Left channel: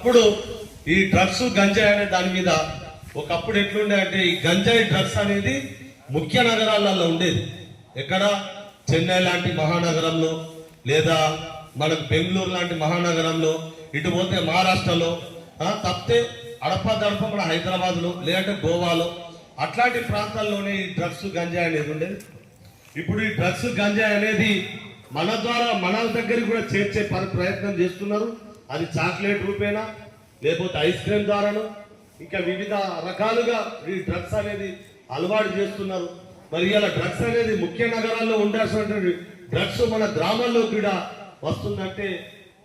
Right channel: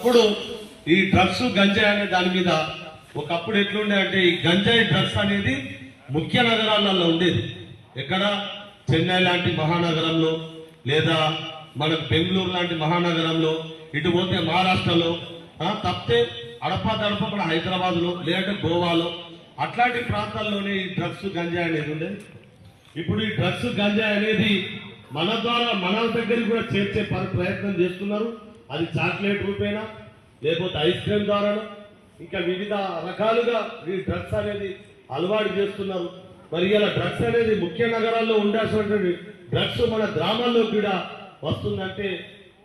ఒకప్పుడు ఈ డ్రగ్స్ గంజాయి అనే దాని మీద ఒకప్పుడు ఎట్లుండే అంటే ఈ గంజాయి డ్రగ్స్ అనేది ముఖ్య నగరాలలో ఉండేది. ఎక్కడ? చెన్నై లాంటి మహానగరంలో లేదా మనకు బెంగళూరు లాంటి మహానగరంలో ఇటు పోతే మహారాష్ట్రలో తప్పితే అడపా దడప మన హైదరాబాద్లో లేదంటే గోవాలో. అట్లాంటి ప్రాంతాల్లోనే ఈ డ్రగ్స్ గంజాయి అనేది ఉండేది. ఇప్పుడు ఈ డ్రగ్స్ గంజాయి అనేది మన ద్వారా మన దగ్గరికి కూడా చేర్చే పని ప్రయత్నం చేస్తున్నారు. అది చాక్లెట్ రూపేనా? లేకపోతే ఐస్ క్రీమ్ ద్వారాను? ఇంకా వివిధ రకాలుగా ఈ డ్రగ్స్ అనేది అలవాటు చేస్తున్నారు. మరి ఇలా డ్రగ్స్ అనేది ముఖ్య నగరాల్లో ఉండాల్సినటువంటి డ్రగ్స్ మన గ్రామాల్లో కూడా వస్తుందంటే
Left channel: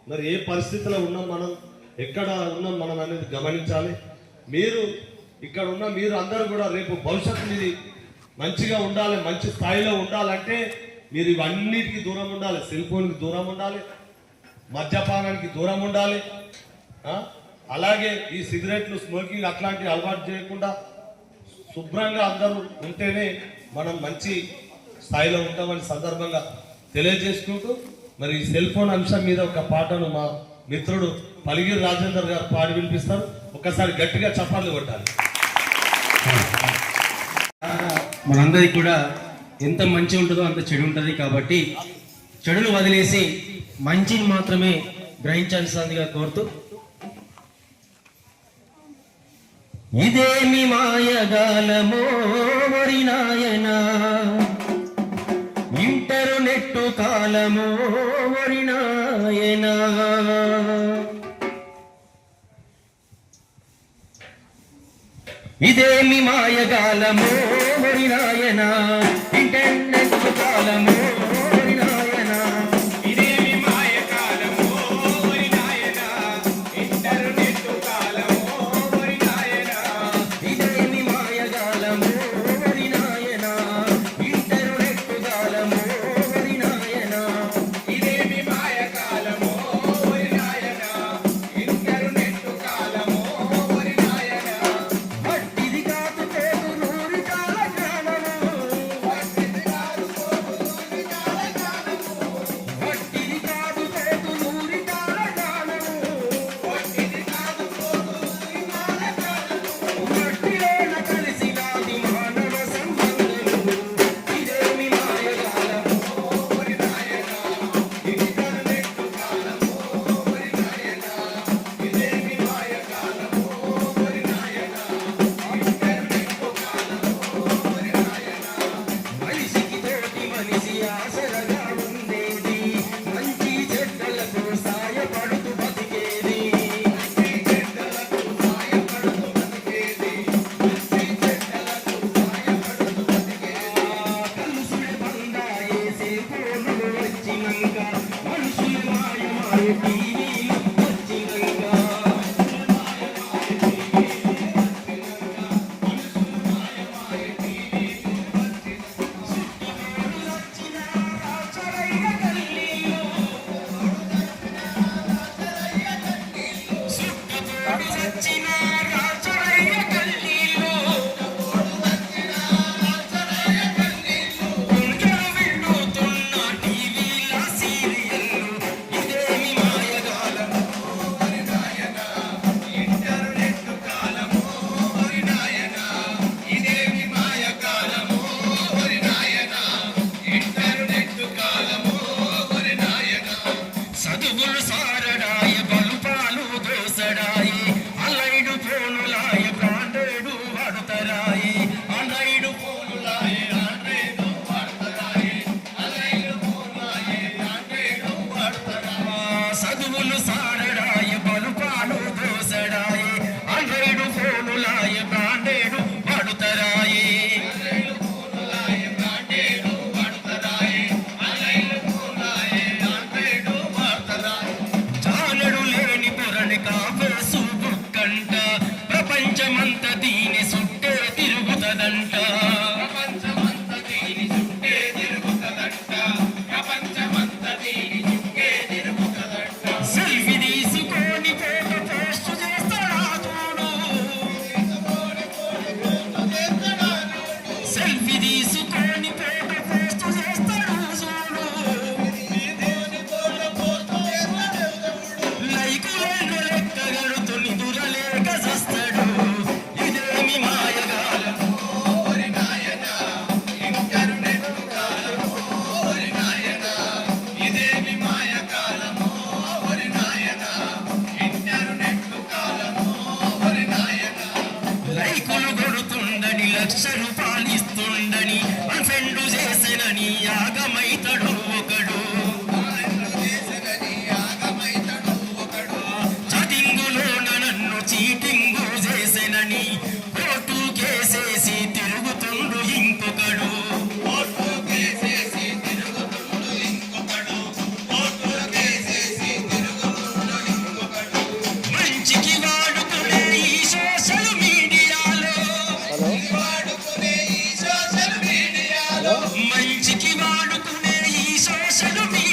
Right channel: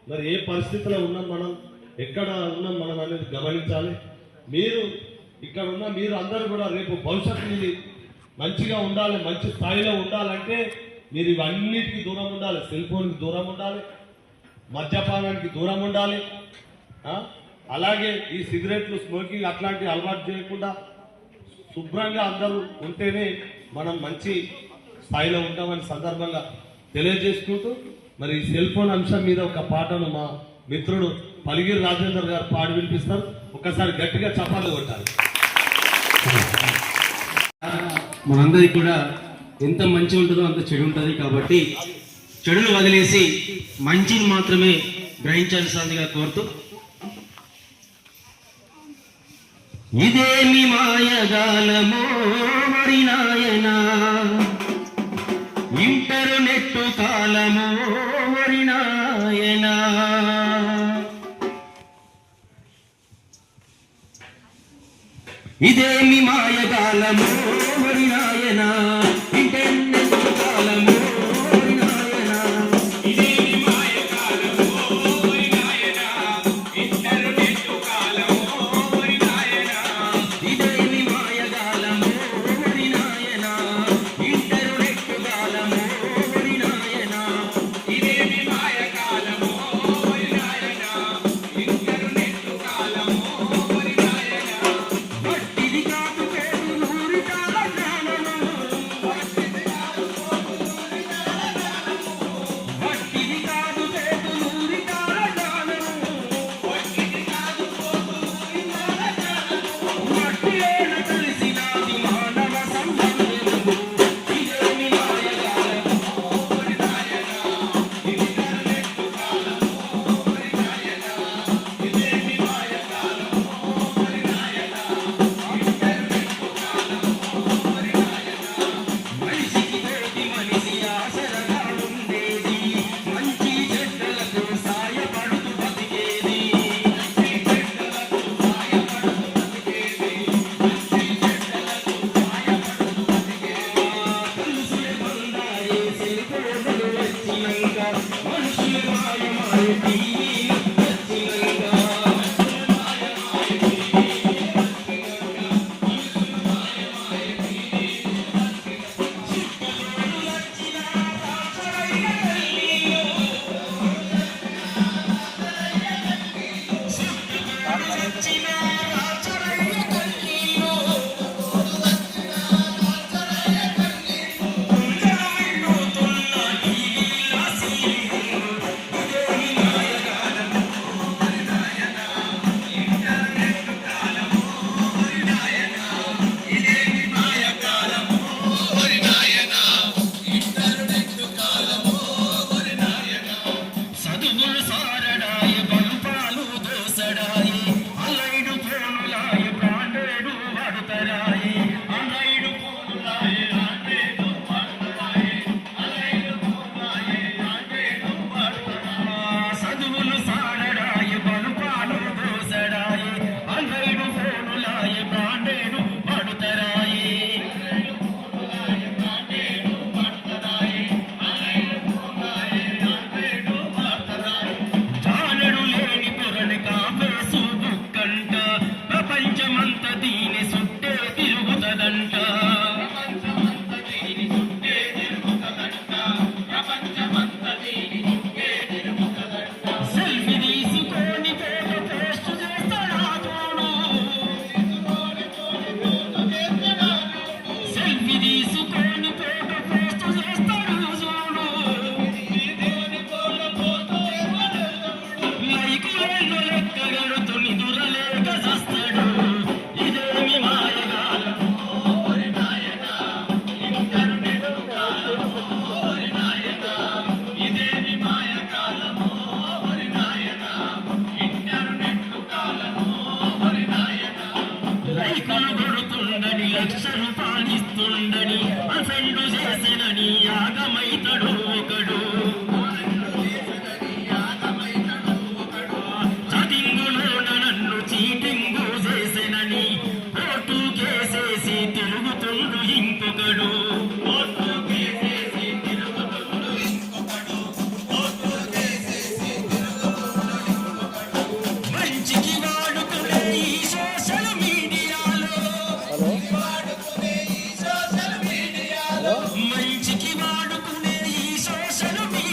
మరి ఏ పరిస్థితిలో ఉన్నాం మనం? ఎక్కడ ఉన్నాం మనం అనేది గమనించాలి. మీరు ఇక్కడ ఉన్న మీరు అందరూ కూడా రేపు భవిష్యత్తుని మంచిగా ఉండాలి మంచి స్థాయిలో ఉండాలంటే మీరు ఇవన్నిటికీ దూరం ఉండాలి సెల్ ఫోన్కి దూరం ఉండాలి. మద్యపానానికి దూరం ఉండాలి. అలాగే ఈ సిగరెట్లు స్మోకింగ్ అట్లాంటివి అలవాటు చేయకుండా శుభ్రంగా అందరూ ఉంటేనే మనం మంచి స్థాయిలో ఉంటామని సందర్భంగా తెలియజేసుకుంటూ మరి ఈ సెల్ ఫోన్ అంశం మీద ఒక పాటను మా మిత్రుడు పలిగిరి రాజేందర్ గారు పాడి వినిపిస్తారు. ఒకసారి గట్టిగా చపాలు కొట్టాలి. మనందరికీ కూడా ఎంత మంచి ఉంటుందో అంత చెడు ఉంటుంది కాబట్టి చెడును వదిలేసి మంచిని మాత్రమే గ్రహించాల్సిందిగా కోరుతూ ఇదేమి మాయగాలమో మరి నాయన ఇంటర్నెట్ కాలమో మరి నాయన. ఇదేమి మాయగాలమో Ella es el.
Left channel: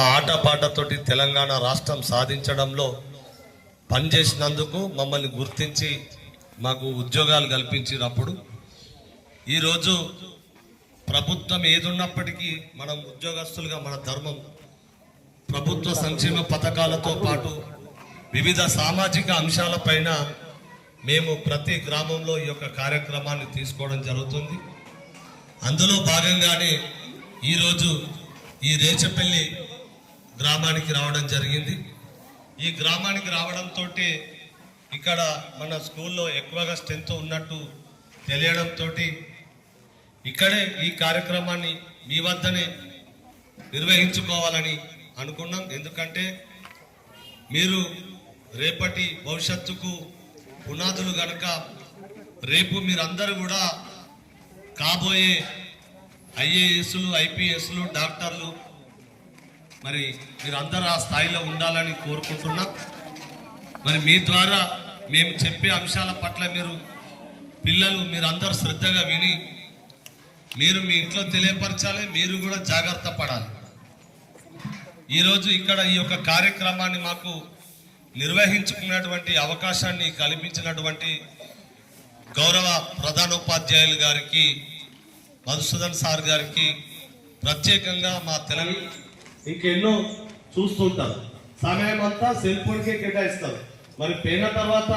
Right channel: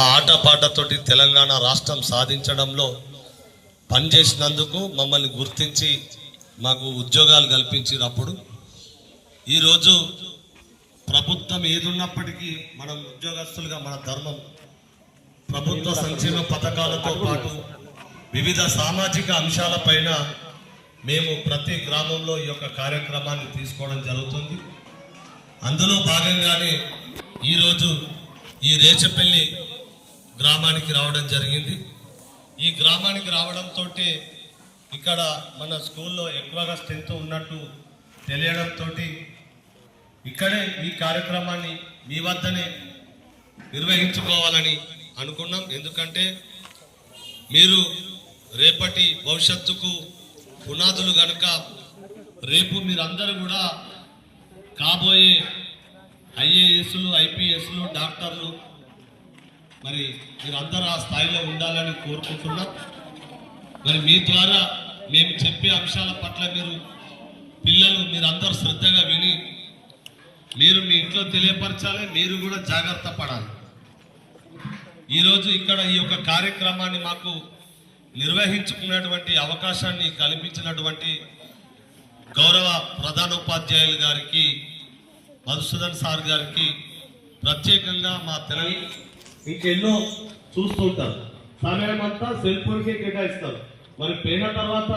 మా ఆటపాటతోటి తెలంగాణ రాష్ట్రం సాధించడంలో పనిచేసినందుకు మమ్మల్ని గుర్తించి మాకు ఉద్యోగాలు కల్పించినప్పుడు ఈరోజు ప్రభుత్వం ఏదున్నప్పటికీ మనం ఉద్యోగస్తులుగా మన ధర్మం ప్రభుత్వ సంక్షేమ పథకాలతో పాటు వివిధ సామాజిక అంశాలపైన మేము ప్రతి గ్రామంలో ఈ యొక్క కార్యక్రమాన్ని తీసుకోవడం జరుగుతుంది. అందులో భాగంగానే ఈరోజు ఈ రేచపల్లి గ్రామానికి రావడం జరిగింది. ఈ గ్రామానికి రావడంతో ఇక్కడ మన స్కూల్లో ఎక్కువగా స్ట్రెంత్ ఉన్నట్టు తెలియడంతో ఇక్కడే ఈ కార్యక్రమాన్ని మీ వద్దనే నిర్వహించుకోవాలని అనుకున్నాం. ఎందుకంటే మీరు రేపటి భవిష్యత్తుకు పునాదులు గనుక రేపు మీరందరూ కూడా కాబోయే ఐఏఎస్లు ఐపీఎస్లు డాక్టర్లు మరి మీరందరూ ఆ స్థాయిలో ఉండాలని కోరుకుంటున్నాం. మరి మీ ద్వారా మేము చెప్పే అంశాల పట్ల మీరు పిల్లలు మీరందరూ శ్రద్ధగా విని మీరు మీ ఇంట్లో తెలియపరచాలి మీరు కూడా జాగ్రత్త పడాలి. ఈరోజు ఇక్కడ ఈ యొక్క కార్యక్రమాన్ని మాకు నిర్వహించుకున్నటువంటి అవకాశాన్ని కల్పించినటువంటి గౌరవ ప్రధానోపాధ్యాయులు గారికి మధుసూదన్ సార్ గారికి ప్రత్యేకంగా మా తెలంగాణ ఇంకెన్నో చూస్తుంటారు. సమయం అంతా సెల్ ఫోన్కే కేటాయిస్తారు. మరి పోయిన తర్వాత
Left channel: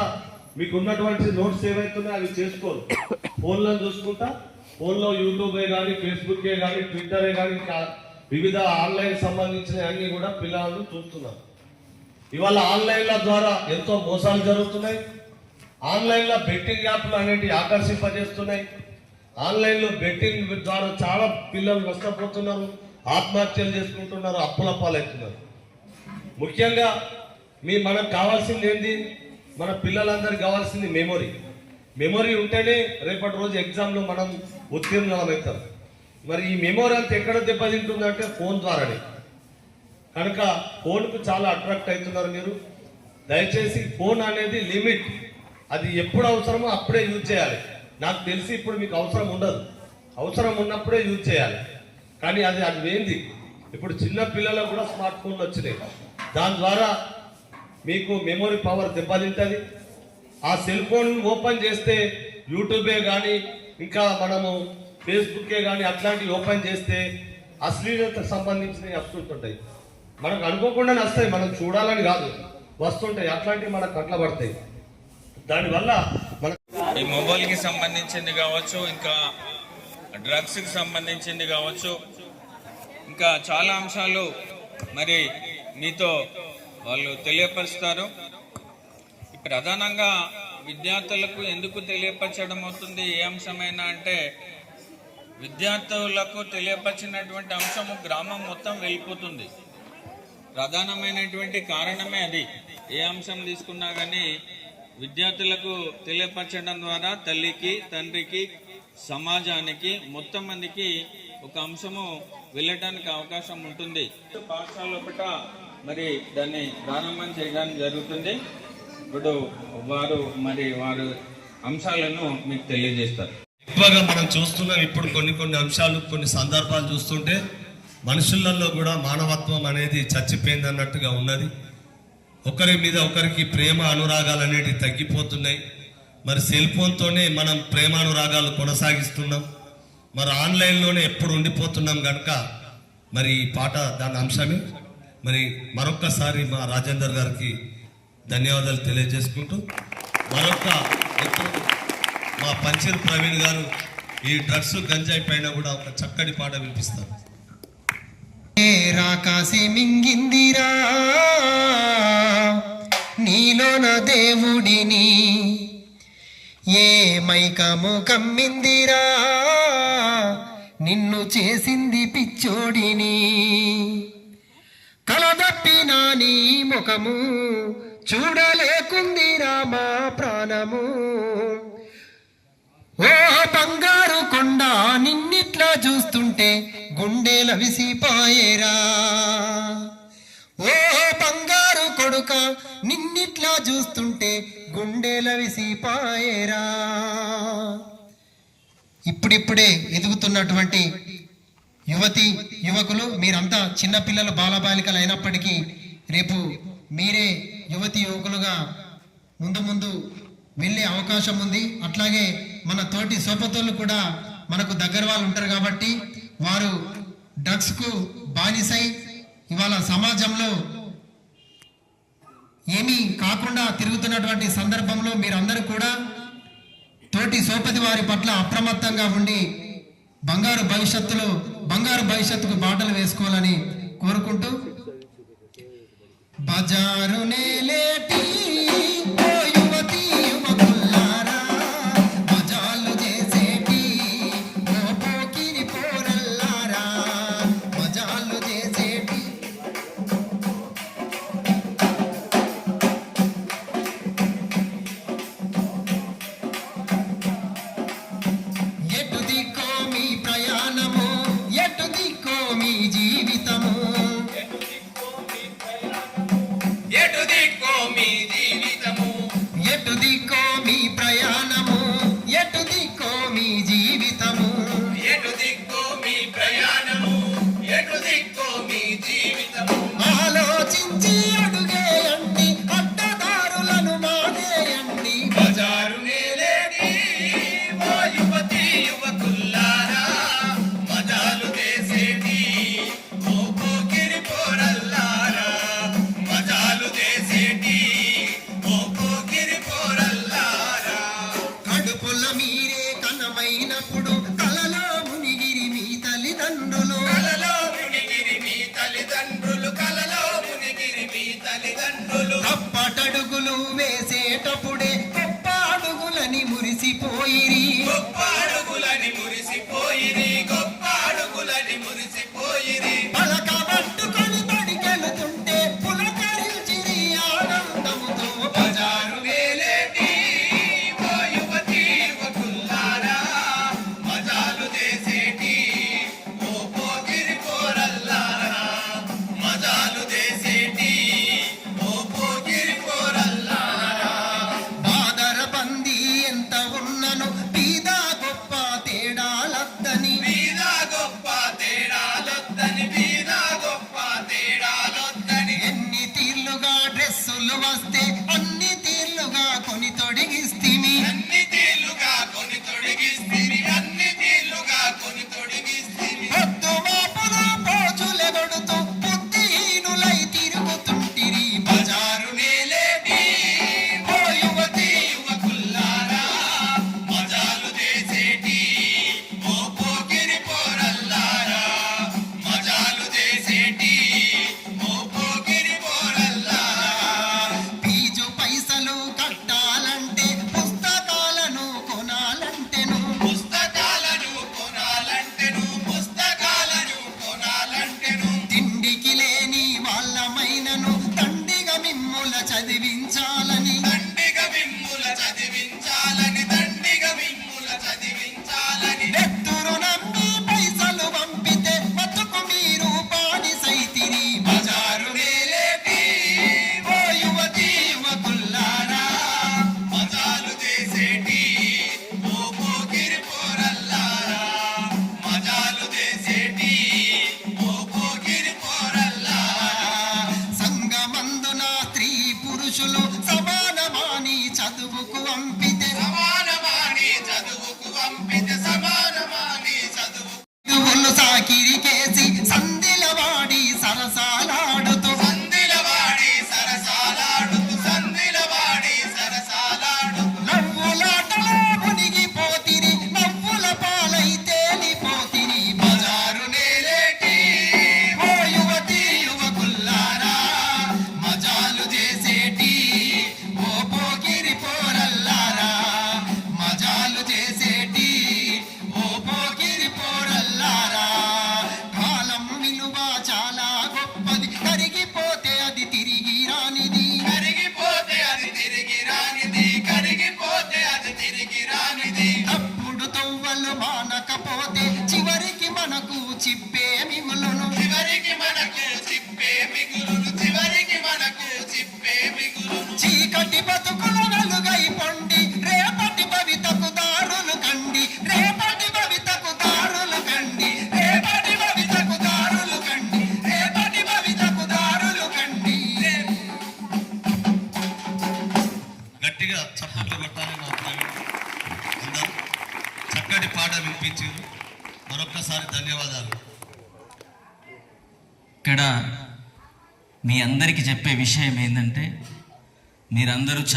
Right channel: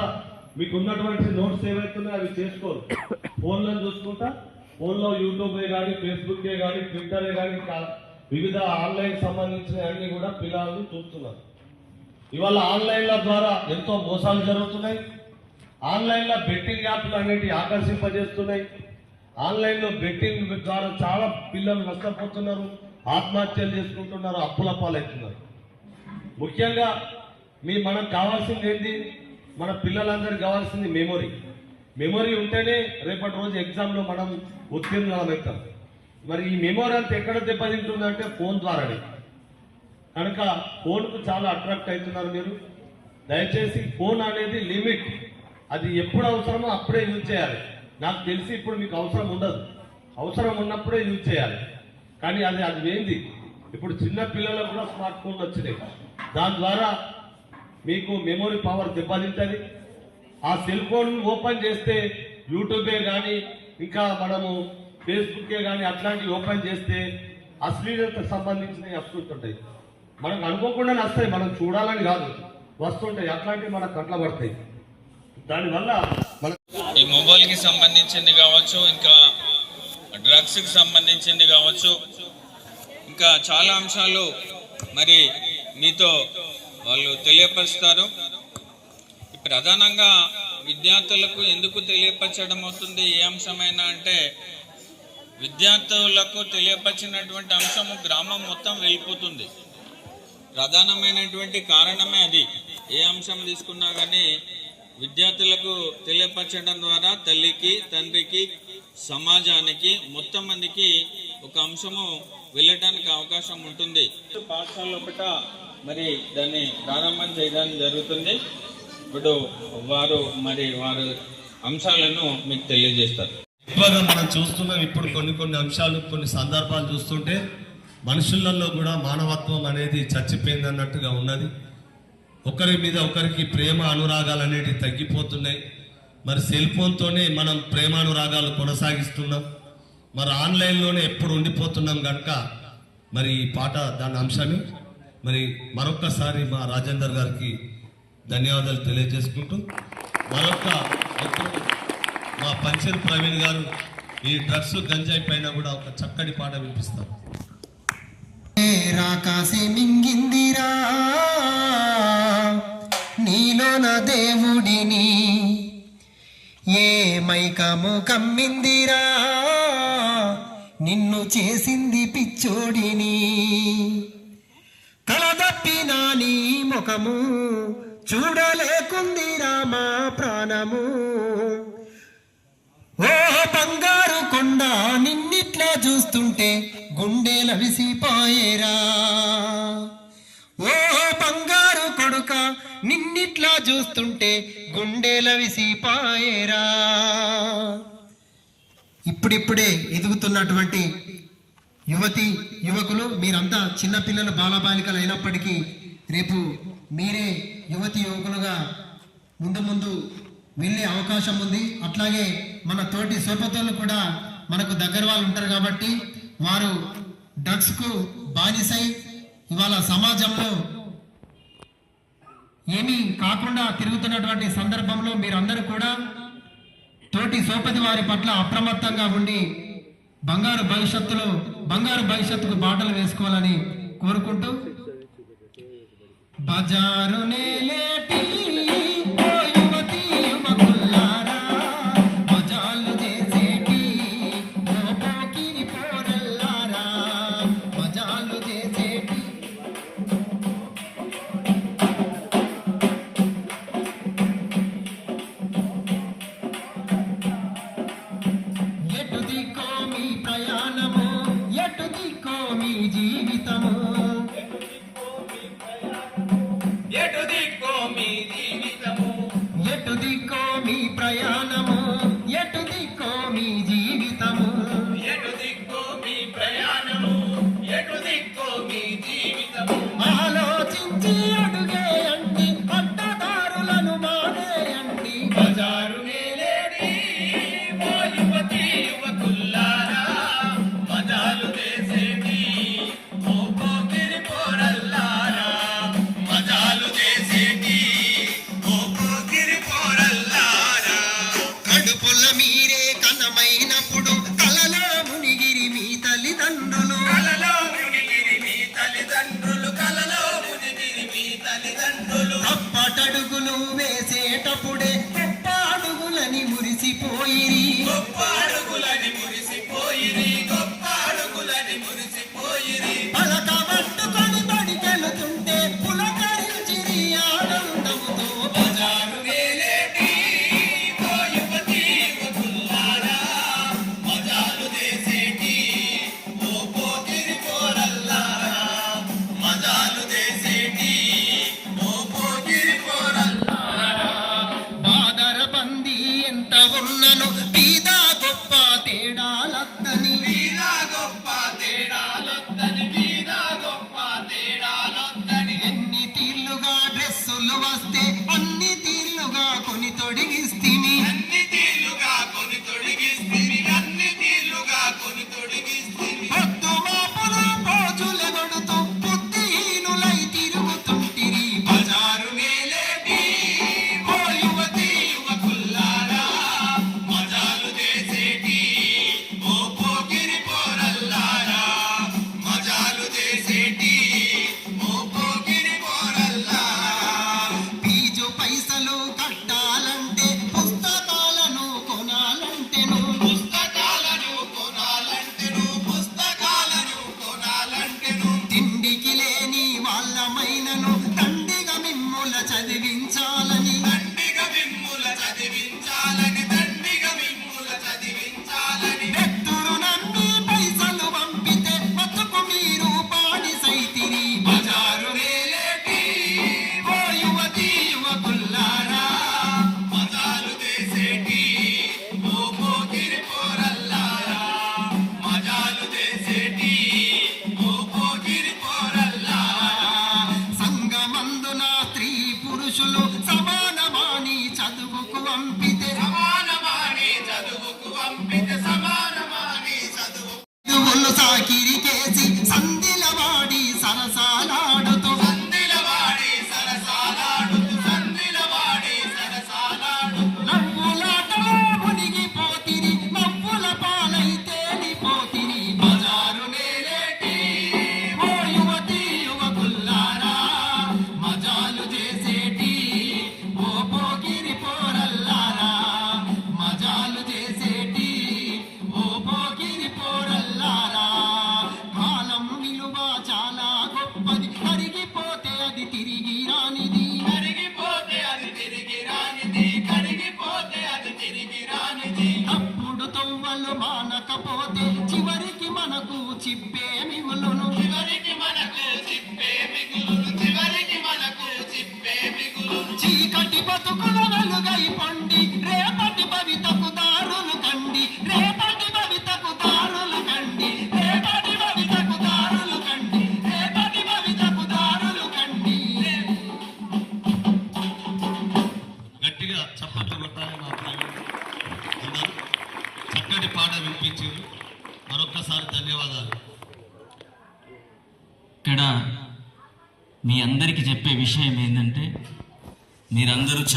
మీకు ఉన్నటువంటి నోట్స్ ఏవైతున్నాయో అవి చేసుకోరు. ఫోన్లో చూసుకుంటా ఫోన్లో యూట్యూబే కానీ ఫేస్బుక్కే కానీ ట్విట్టరే కానీ వివిధ ఆన్లైన్ సంబంధించిన అన్ని కూడా పిల్లలు చూస్తున్నారు. ఇవాళ ఆన్లైన్ల ద్వారా ఎంతో మోసాలు జరుగుతున్నాయి. ఆన్లైన్లో బెట్టింగ్ యాప్లు అనేటివి ఆకర్షింపజేస్తున్నాయి. ఆన్లైన్లో బెట్టింగ్ ద్వారా చాలా పిల్లలు నష్టపోతున్నారు. ఆత్మహత్యలు చేసుకుంటున్నారు అప్పుల పాలవుతున్నారు ముఖ్యంగా మీ మనకు కావాల్సింది ఏంటి మన పిల్లలందరికీ కావాల్సింది మెమొరీ. మెమొరీ ఉంటేనే రేపటి రోజు ఎగ్జామ్లో మనం ఉత్తీర్ణం అవుతాం. మరి ఈ మెమొరీ అంతా ఎక్కడ దెబ్బతింటుందంటే ఫోన్ ద్వారానే. కనుక ఫోన్కు చాలా అట్రాక్ట్ అవుతున్నారు మీరు. దయచేసి ఫోన్ అనేది లిమిట్. అది ఎప్పుడు అవసరమో అప్పుడే యూజ్ చేయాలి. నాకు తెలిసి ఇప్పుడు మీకు అవసరం ఉండదు. అవసరం ఉన్నప్పుడే యూజ్ చేయాలి. కానీ అది అది ఏంది? ఇప్పుడు చిన్న పిల్లలకు కూడా స్మార్ట్ ఫోన్లు వచ్చినాయి. దాని ద్వారా మీకు మెమొరీ పవర్ దెబ్బతింటుంది. ఆ సెల్ ఫోన్ ఓపెన్ చేస్తే యూట్యూబే కానీ ఇంకా మనము ఫేస్బుక్కే కానీ అట్లాంటివి ఓపెన్ చేస్తే అశ్లీలతకు సంబంధించినవి వస్తుంటుంటాయి మనకు అనుకోకుండా వస్తాయి మనం చూడాలని కాదు. వస్తుంటాయి. అట్లాంటివి మనకు కట్ల పడతాయి. దానివల్ల మన ఈ మొబైల్కి సంబంధించింది కావచ్చు ఇంకా డ్రగ్స్కి సంబంధించింది కావచ్చు. ఇంకా చాలా అంశాలు మరి మీతో వాళ్ళు తెలియపరుస్తారు. ప్రధానంగా విద్యార్థులకు ఎందుకు తెలియపరచడం అవుతుంది? ఏ అంశమైనా అంటే విద్యార్థులకు తెలియపరిచినటువంటి అంశము గ్రామం మొత్తం వెళ్ళిపోతుంది. ప్రధానమైనటువంటి కారణమే అది. ఏ అంశం తీసుకున్నా కానీ విద్యార్థులకు తెలియపరచడం ద్వారా తల్లికి తండ్రికి సమాజానికి మొత్తం మందికి ఒక అంశము వెళ్ళటానికి అవకాశం ఉంటుంది. పాఠశాల ఒకట మరి దాన్ని ప్రారంభం చేయడం జరుగుతుంది. ఇప్పుడు వారు మరి వారు అంశాలను మీకు తెలియజేస్తారు. ఎక్కువగా మనం చూస్తున్నాం ఇప్పుడు కొన్ని కొన్ని అంశాలు కొన్ని సందర్భాలు చూస్తుంటే మనుషులలో కూడా మానవత్వం అనేది చచ్చిపోయింది అన్నట్టుగా ఉన్నది. ఒకరి మీద ఒకరికి ప్రేమ అనురాగాలు అనేటివి తగ్గిపోతున్నాయి. మరి సెల్ ఫోన్తోనే మనం ప్రేమానురాగాలు కొనసాగిస్తున్నాం. మరి ఆన్లైన్లోనే ఎప్పుడు ఉండిపోతున్నాం కనుక మరి ఈ పాట దాని అంశమే. మరి మరొక్కసారి మా రాజేందర్ గారికి ధన్యవాదాలు తెలియజేసుకుంటూ మరొక మా పంచర్ ప్రవీణ్ గారు ఈ డ్రగ్స్ గంజాయి పైన కూడా ఒక చక్కటి పాట వినిపిస్తారు. రాకాసి మింగిందిరా నా దేవుడిని ఏ మైకము కమ్మిందిరా? నిన్ను చేసింది పిచ్చోడిని. కలదప్పిన నీ ముఖము చూడలేకుందిరా మా ప్రాణము. ఓ బంగారు కొండ నిన్నిట్లా చూస్తుంటే గుండెల విసిపాయేరా ఓ బంగారు నిన్నిట్లా చూస్తుంటే గుండెల విసిపాయేరా ఇప్పుడిప్పుడే ఎదుగుతున్నటువంటి యువతి యువకులు మీరంతా చిన్నపిల్లలు బాలబాలికలు అయినప్పటికీ రేపు మీరే యువతి యువకులుగా ముందు ముందు వెళ్ళే అవకాశం ఉంది. అట్లాగే మన తోటి సోపతోళ్ళు కూడా మనకు దగ్గర వాళ్ళు ఉంటారు కాబట్టి వారు డ్రగ్స్కు బానిసై ఇవాళ సమాజంలో ఏమీ కాకుండా తిరుగుతున్నటువంటి సందర్భంలో మీరందరూ కూడా తోటి సోపతి వారి పట్ల అప్రమత్తంగా ఉండి బంగారు భవిష్యత్తులో బంగారు భవిష్యత్తుకు బాటలు వేసుకోవాలని కోరుకుంటూ బజారు నేలేటి గొప్పడుగులు వేసేటప్పుడే గొప్పడుగులని మురిసిపోయిరి. గొప్ప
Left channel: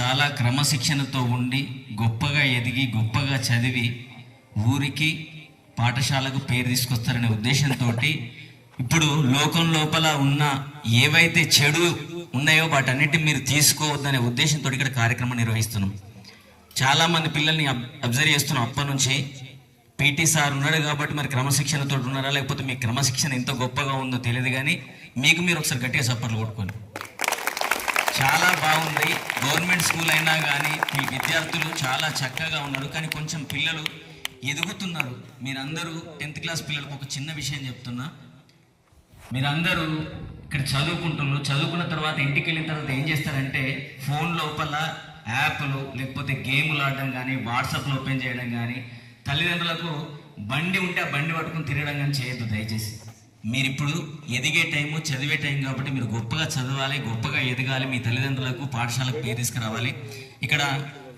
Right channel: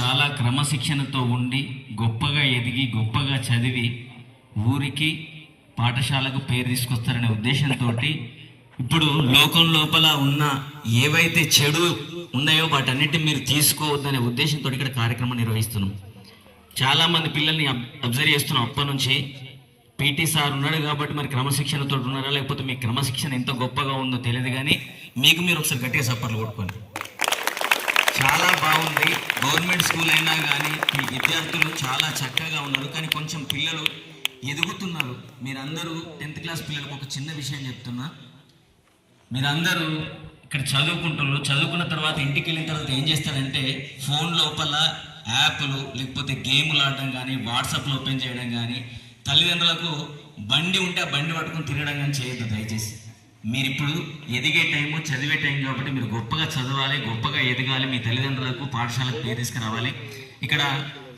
చాలా క్రమశిక్షణతో ఉండి గొప్పగా ఎదిగి గొప్పగా చదివి ఊరికి పాఠశాలకు పేరు తీసుకొస్తారనే ఉద్దేశంతో ఇప్పుడు లోకం లోపల ఉన్న ఏవైతే చెడు ఉన్నాయో వాటన్నిటి మీరు తీసుకోవద్దనే ఉద్దేశంతో ఇక్కడ కార్యక్రమం నిర్వహిస్తున్నాం. చాలామంది పిల్లల్ని అబ్- అబ్జర్వ్ చేస్తున్నాం అప్పటి నుంచి. పీటీ సార్ ఉన్నారు కాబట్టి మరి క్రమశిక్షణతో ఉన్నారా? లేకపోతే మీ క్రమశిక్షణ ఎంత గొప్పగా ఉందో తెలియదు కానీ మీకు మీరు ఒకసారి గట్టిగా చప్పట్లు కొట్టుకోండి. చాలా బాగుంది. గవర్నమెంట్ స్కూల్ అయినా కానీ మీ విద్యార్థులు చాలా చక్కగా ఉన్నారు. కానీ కొంచెం పిల్లలు ఎదుగుతున్నారు. మీరందరూ టెన్త్ క్లాస్ పిల్లలకు ఒక చిన్న విషయం చెప్తున్నా. మీరందరూ ఇక్కడ చదువుకుంటున్నారు. చదువుకున్న తర్వాత ఇంటికి వెళ్ళిన తర్వాత ఏం చేస్తారంటే ఫోన్ లోపల యాప్లు లేకపోతే గేములు ఆడడం కానీ వాట్సాప్లో ఓపెన్ చేయడం కానీ తల్లిదండ్రులకు బండి ఉంటే ఆ బండి పట్టుకుని తిరగడం కానీ చేయొద్దు దయచేసి. మీరు ఇప్పుడు ఎదిగే టైము చదివే టైం కాబట్టి మీరు గొప్పగా చదవాలి గొప్పగా ఎదగాలి మీ తల్లిదండ్రులకు పాఠశాలకు పేరు తీసుకురావాలి. ఇక్కడ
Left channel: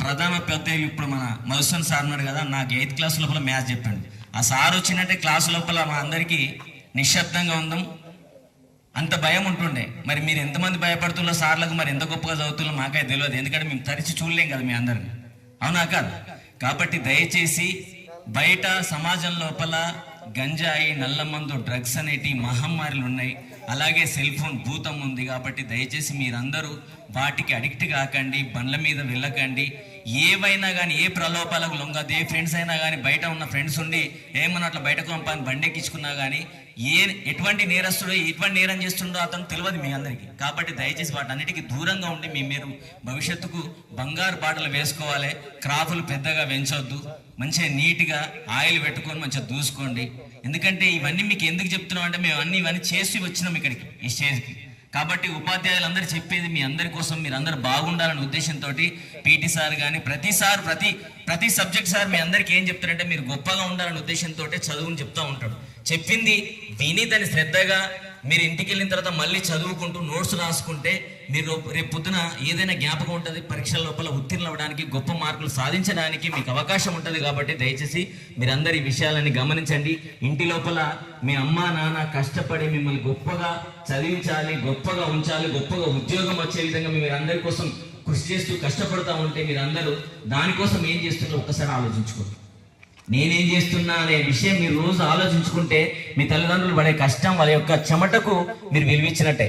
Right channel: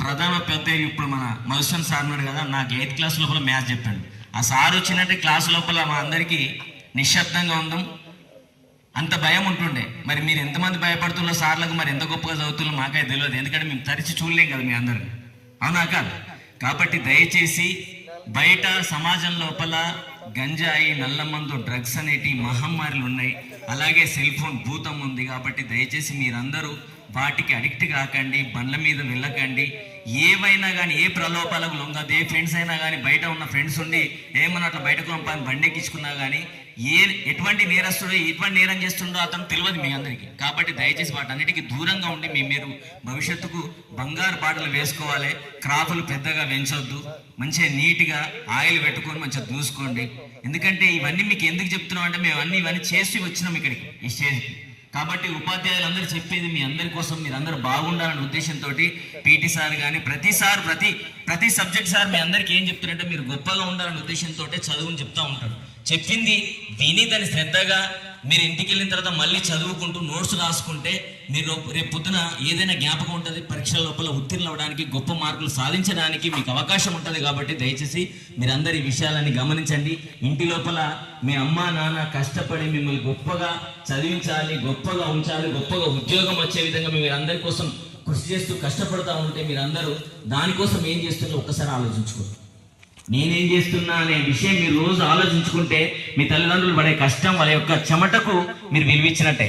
ప్రధాన పెద్ద ఇప్పుడు మన మధుసూన్ సార్ ఉన్నాడు కదా నాకు ఎయిత్ క్లాస్ లోపల మ్యాథ్స్ చెప్పాడు. ఆ సార్ వచ్చినట్టే క్లాస్ లోపల మా అందరికీ నిశ్శబ్దంగా ఉందాం. అంత భయం ఉంటుండే. మరి మీరు ఎంతమంది భయపడుతున్న సార్లకు మరి ఎంత గొప్పగా చదువుతున్నా మాకే తెలియదు. ఎందుకంటే మేము తరిచి చూడలేం కదా మీ అందరిని. అవునా కాదు? కాబట్టి దయచేసి బయట సమాజం లోపల గంజాయి నల్లమందు డ్రగ్స్ అనేటి మహమ్మారులు ఉన్నాయి. అలాగే సెల్ ఫోన్ భూతం ఉంది కాబట్టి దయచేసి మీరందరూ వాటికి అడిక్ట్ కాకండి బండ్ల మీద వెళ్ళకండి. ఏవైనా కానీ ఏ ప్రలోభాలకు లొంగదు ఏ ఫ్రెండ్స్ అయినా కానీ బయట ఉన్న ఫ్రెండ్స్ ఉండి ఏమన్నా అట్లా బయటకు పంపాలి బండి ఎక్కించుకున్నా కానీ ఏ ఎటువంటి నేరస్తుడు ఎటువంటి నేరం చేస్తుండో అతను తెలియదు మీ అందరికీ. కాబట్టి దయచేసి వాటన్నిటికీ దూరంగా ఉండి మీ మీరు భవిష్యత్తుకు బంగారు బాటలు వేసుకోవాలి. క్రాపులు పెద్దగా పెంచొద్దు. మంచిగా నీట్గా ఆయిల్ పెట్టుకొని మంచిగా దూసుకోండి. ఎందుకంటే ఇవన్నీ మీకు ఎందుకు చెప్తున్నాం అంటే మేము అన్ని ఇవన్నీ చేసి వచ్చినాం ఇక్కడికి. ఈ స్టేజ్కి. కాబట్టి ఉపాధ్యాయులందరూ చెప్పేది మీ అందరి కోసం మీరు అందరు బాగుండాలనే ఉద్దేశంతో పీటీ సార్ కానీ ప్రతిసారి ప్రతి ప్రతి సబ్జెక్ట్ సార్ మీ అందరికీ ఏం చెప్తారంటే మీరు గొప్పగా ఉండాలనే ఉద్దేశంతో చదువుని చెప్తా ఉంటాడు చెప్పింది విని దాన్ని శ్రద్ధగా మీరు ఇంటికి వెళ్ళిన తర్వాత మళ్ళీ చదువుకుంటూ నోట్స్ రాసుకుంటే మీరు రేపు పొద్దున ఏదైనా జ్ఞాపకం ఉంటుంది పరీక్షల లోపల ఉత్తీర్ణులు అవ్వడానికి గొప్ప మార్కులు సాధించడానికి మీకు అవకాశం ఉంటుంది కాబట్టి దయచేసి మీరందరూ ఈ విషయాలని గమనించండి. ఇంటి లోపల మీ అమ్మ నాన్న కష్టపడి మిమ్మల్ని గొప్పగా చదివించాలి గొప్పగా ఉంచాలి గొప్పగా ఉద్యోగం వచ్చే విధంగా మీరు అందరి కోసం కృషి చేస్తూ కష్టపడతా ఉంటే మీరందరూ దానికోసం ఏం చేస్తున్నారో ఒక్కసారి ఆలోచించుకోండి. నేనేం చేస్తున్నా అనే విషయం మీరు రోజు ఆలోచించుకుంటే మీ తల్లిదండ్రులు పడే కష్టం వాళ్ళ యొక్క చెమటకు మీరు విలువించినట్టే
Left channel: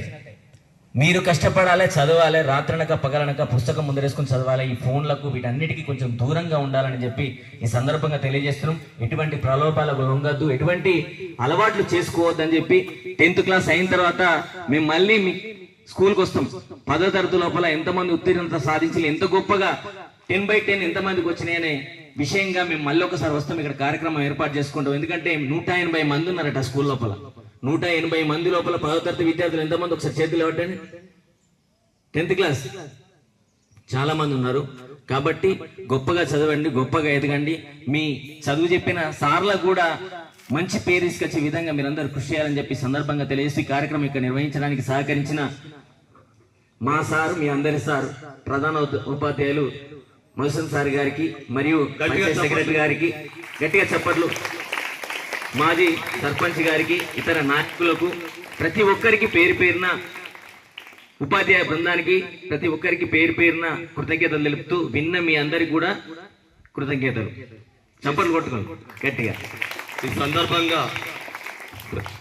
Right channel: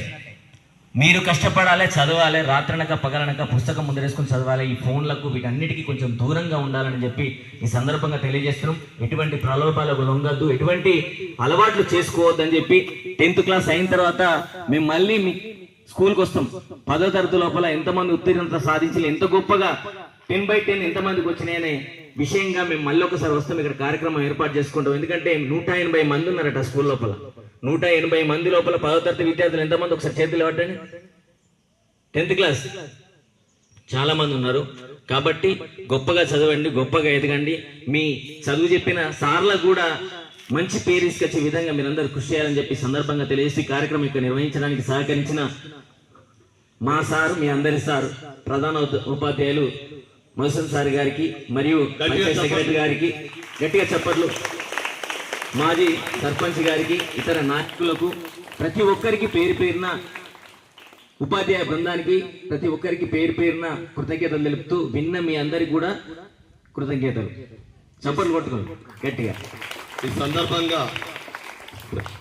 మీరు కష్టపడాలి చదవాలి రాత్రనక పగలనక పుస్తకం ముందరేసుకొని చదవాలి ఈ ఫోన్లకు వీటన్నిటికీ కొంచెం దూరంగా ఉండాలని చెప్పి ఈ సందర్భంగా తెలియజేస్తున్నాం. ఎటువంటి ప్రలోభాలకు లొంగద్దు ఎటువంటి అలవాట్లు చేసుకోవద్దని చెప్పి టెన్త్ క్లాస్ అయిన తర్వాత మేము మళ్ళీ మీ స్కూల్కి వస్తాం. పదో తరగతి లోపల ఎంతమంది ఉత్తీర్ణత సాధించి ఎంత గొప్పగా టెన్ బై టెన్ ఎంతమందికి వచ్చినాయనే విషయంగా మేము మళ్ళీ ఒకసారి వస్తాం. ఇక్కడ కార్యక్రమం ఏర్పాటు చేసుకుంటాం. ఎందుకంటే నూట ఎనభై మంది ఉన్నారట స్కూల్ లోపల. నూట ఎనభై మంది లోపల పదో తరగతి విద్యార్థులు ఎంతమంది? ఒకసారి చేతులు ఇవ్వటండి టెన్త్ క్లాస్. చాలా మంది ఉన్నారు. కాబట్టి గొప్పగా చదవండి గొప్పగా ఎదగండి. మీ చదువు చెప్పిన సార్లకు కూడా మంచి పేరు తీసుకొచ్చే విధంగా మీరందరూ కృషి చేయాలని చెప్పి సందర్భంగా తెలియజేసి కార్యక్రమం ఇక్కడ నిర్వహించడానికి సహకరించిన మా సారు మీ అందరి సారు ప్రధాన ఉపాధ్యాయులు మధుసూన్ సార్ గారికి మరియు సెక్రటరీ గారికి గట్టిగా చెప్పట్లు మాజీ సర్పంచ్ గారికి ఇతర నాయకులకు ప్రతి ఒక్కరికి పేరు పేరున ఉపాధ్యాయ బృందానికి ప్రతి ఒక్కరికి పేరు పేరున కృతజ్ఞతలు తెలుపుతూ విన్న మీ అందరికి కూడా కృతజ్ఞతలు. చప్పట్లు కొట్టుకోండి గట్టిగా. ఈ సందర్భంగా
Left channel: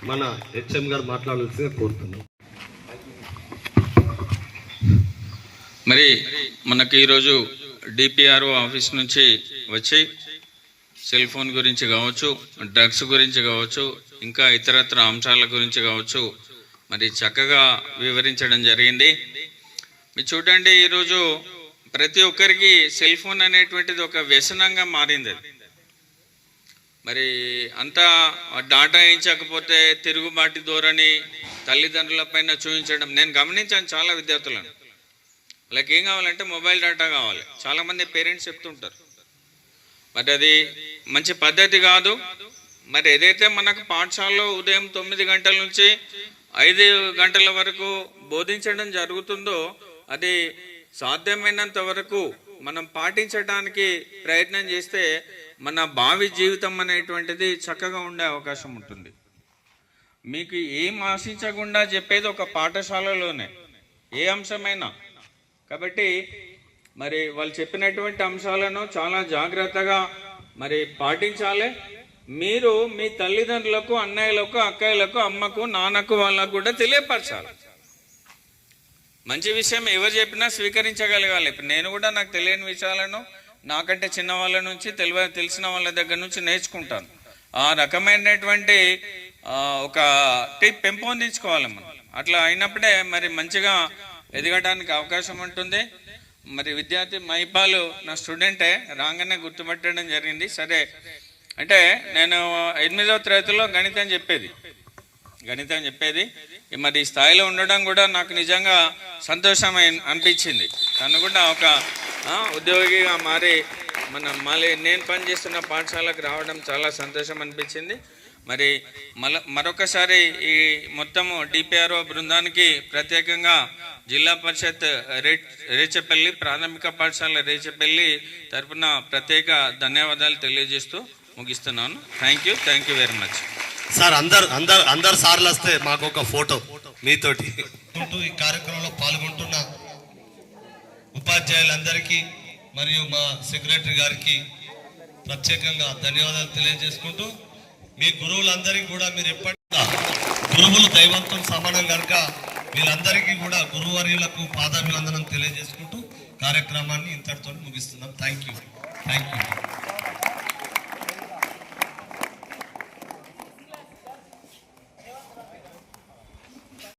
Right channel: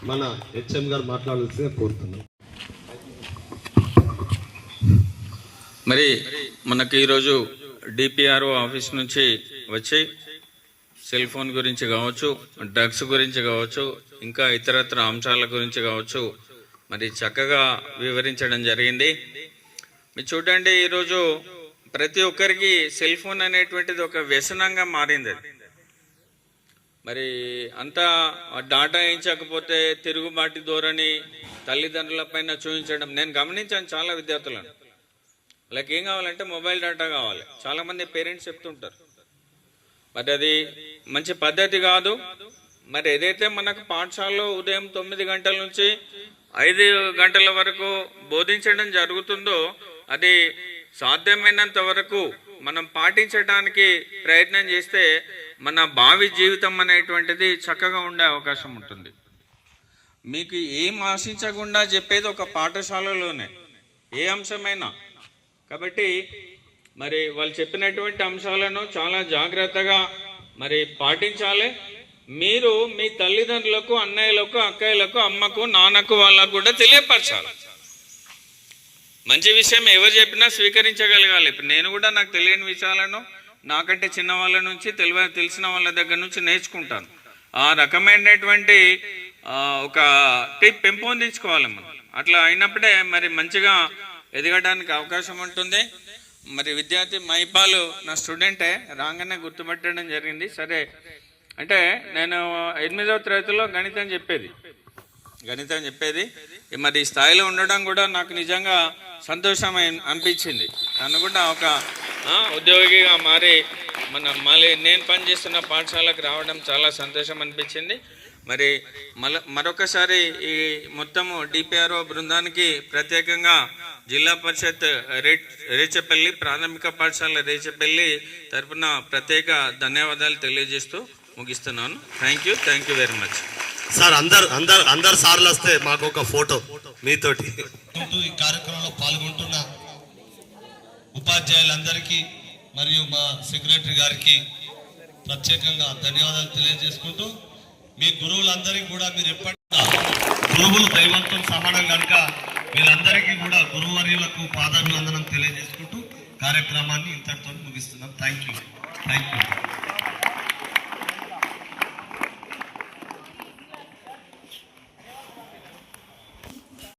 మన హెచ్ఎం గారు మాట్లాడాల్సిందిగా కోరుతున్నాం. మరి మనకి ఈరోజు డిపిఆర్ఓ ఆఫీస్ నుంచి వచ్చి సెల్ ఫోన్ గురించి కావచ్చు డ్రగ్స్ గురించి కావచ్చు ఇంకా ఇతరత్ర అంశాల గురించి కావచ్చు మరి చక్కగా వివరించడం జరిగింది. మీరు చూడండి ఈరోజు ప్రతి ఒక్కరికి సెల్ ఫోన్ అనేటువంటిది ఒక వ్యసనంగా మారింది. అది మరి అంతా డాటా వేయించకపోతే తిరుగుబాటు ధోరణి తల్లిదండ్రుల పైన చూపించడం నేను గమనించాను చాలా విద్యార్థులను. వాళ్ళకి ఏం కావాలంటే మొబైల్ డేటా కావాలి. చాలా మంది పేరెంట్స్ చెప్తుంటారు. మరి అది మంచి పద్ధతి కాదు. మరి ఏదైతే మనకు పాఠశాలలో ఉదయం తొమ్మిది గంటల నుంచి ఐదు గంటల వరకు బోధించడం జరుగుతుందో అది సాధ్యమైనంత వరకు మనం పాటించడానికి ప్రయత్నం చేస్తే మన భావి జీవితం అనేటువంటిది చక్కగా ఉండే అవకాశం ఉంటుంది. మీకు ఏం ఆశించకుండా చెప్పేది ఒక పాఠశాలలోనే ఏ అంశమైనా. కాబట్టి మరి వాళ్ళు చెప్పినటువంటి అంశాలను చాలా జాగ్రత్తగా మరి పాటించాలి. మీరు మీ తల్లిదండ్రులకు అన్నయ్యలకు అక్కయ్యలకు అమ్మకు నాన్నకు వాళ్ళకు కూడా తెలియపరచాలి. మంచి విషయం ఎవరు చెప్పినా స్వీకరించగలగాలి. ఇప్పుడు నేను కూడా నాకు తెలియని విషయాలను నాకంటే చిన్న వాళ్ళ నుంచి తెలివ తెలిసిన వాళ్ళ దగ్గర నుంచి నేర్చుకుంటాను. ఆ రకమైనటువంటి ఒక టిప్ పెంపొందించుకోవాలి మనం. అట్లా అయినప్పుడే మరి మంచిగా ఎదగడానికి అవకాశం ఉంటుంది. మరి విద్యార్థి మైపాలు నా స్టూడెంటే రాగానే గుర్తుపట్టడం జరిగింది. సరే అంటే నేను ఎనిమిదవ తరగతిలో గణితం చెప్పేది. గణితం చెప్పేది. మరి స్థాయిలో ఉండడం కూడా నాకు నిజంగా సంతోషం అనిపించింది. తను కూడా ఒక ఉద్యోగిగా మారి మన మళ్ళీ నేను పనిచేస్తున్న పాఠశాలకు రావడం చాలా సంతోషం అనిపించింది. మరి మల మరొకసారి ఈ మొత్తము డిపిఆర్ఓ బృందానికి ప్రత్యేకంగా జిల్లా పరిషత్ రే రేచపల్లి ప్రాథమిక పాఠశాల రేచపల్లి తరపున ప్రత్యేక ధన్యవాదాలు తెలియజేస్తూ ముగిస్తున్నాను. Thank you thank you very much sir అందరు అందరు అందరు సార్లు వస్తే మాకు ఒక ఫోటో మీతోటి. ఉంటూ ఈ కార్యక్రమంలో పాల్గొంటున్న ఉపాధ్యాయులందరికీ మరియు మా సెక్రటరీ గారికి ప్రత్యేకంగా ధన్యవాదాలు తెలియజేసుకుంటూ మీ గురువులందరికీ కూడా మీరు ఎప్పటికీ గురువులు దైవంతో సమానం కనుక మీరందరికీ కూడా గురువర్యులకు పాదాభివందనం తెలియజేసుకుంటూ కార్యక్రమాన్ని ఇంతటితో ముగిస్తున్నాం. Thank you thank you